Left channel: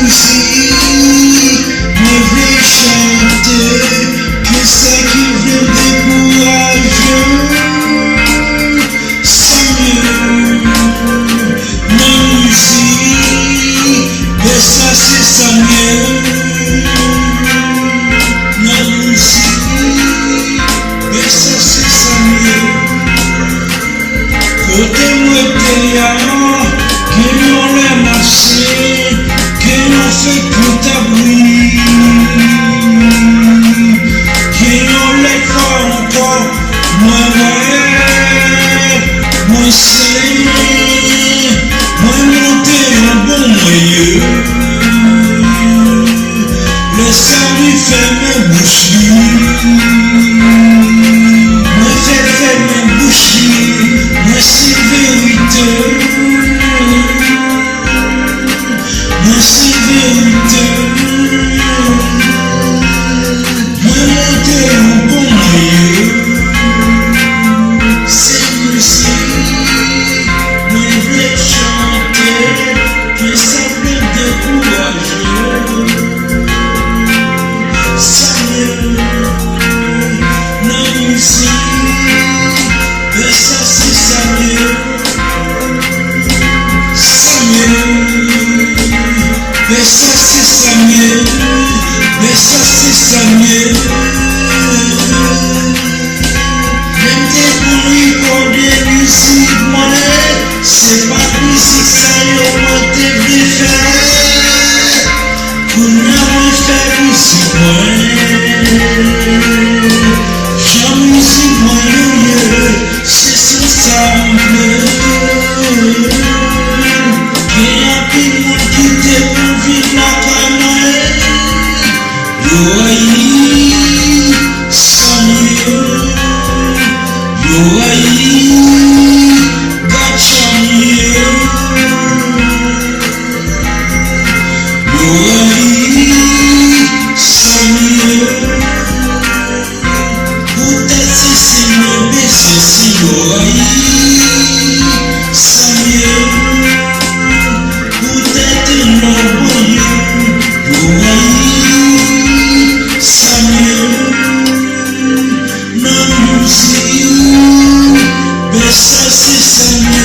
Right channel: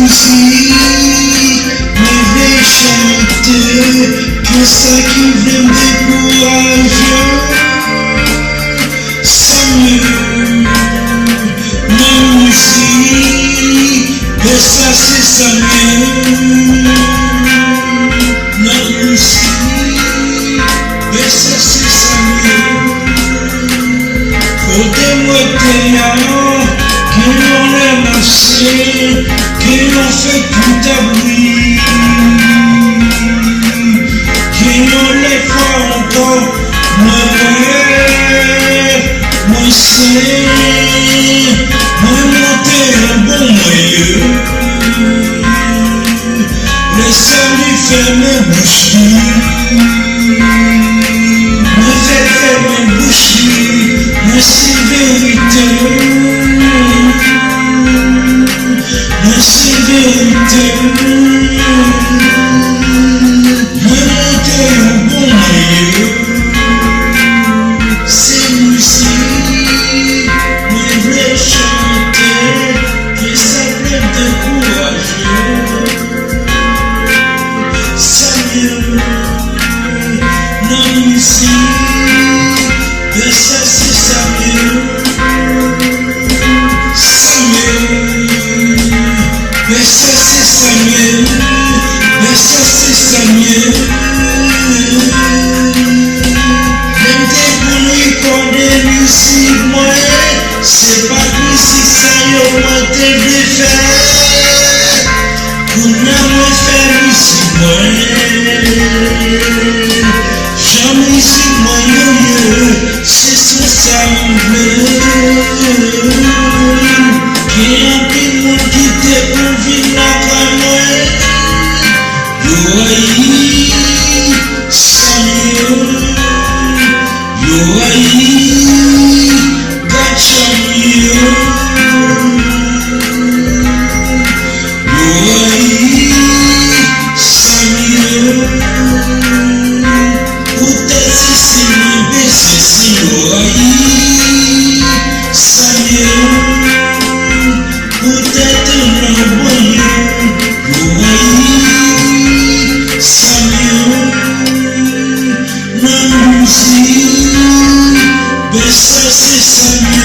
musique, mais vais chanter, que ça qui vient me décourager. C'est mieux, la musique, mais ça c'est ça mieux. La musique, mais ça c'est ça mieux. Côté-moi dehors, que l'on l'a marché, que l'on fait tout à bruit, que l'on les fait encore, moi c'est, moi monter un bon moyen. Le salut fait mes boucheries, moi fait mes boucheries, moi c'est vérité. Moi c'est vérité. Moi monter au bon moyen. C'est musique. Moi voulais chanter. Que ça peut me décourager. Ça mieux. La musique. Mais ça c'est ça mieux. Ça mieux. Mais ça c'est ça mieux, mais ça c'est ça mieux. Même des bruits comme des musiques, moi, c'est pas de musique ça yo moi devais faire. Pour moi faire musique moi, j'en musique moi yo, c'est son simple. Qu'il y a plus de monde qui te pour vivre la caille. Yo aïe, ça mieux. Yo aïe, gacha mieux. Yo aïe, ça mieux. Peut-être si c'est mieux, baisser si yo aïe, ça mieux. Peut-être l'envoyer, l'oreille, ça mieux, la musique, mais ça c'est ça mieux.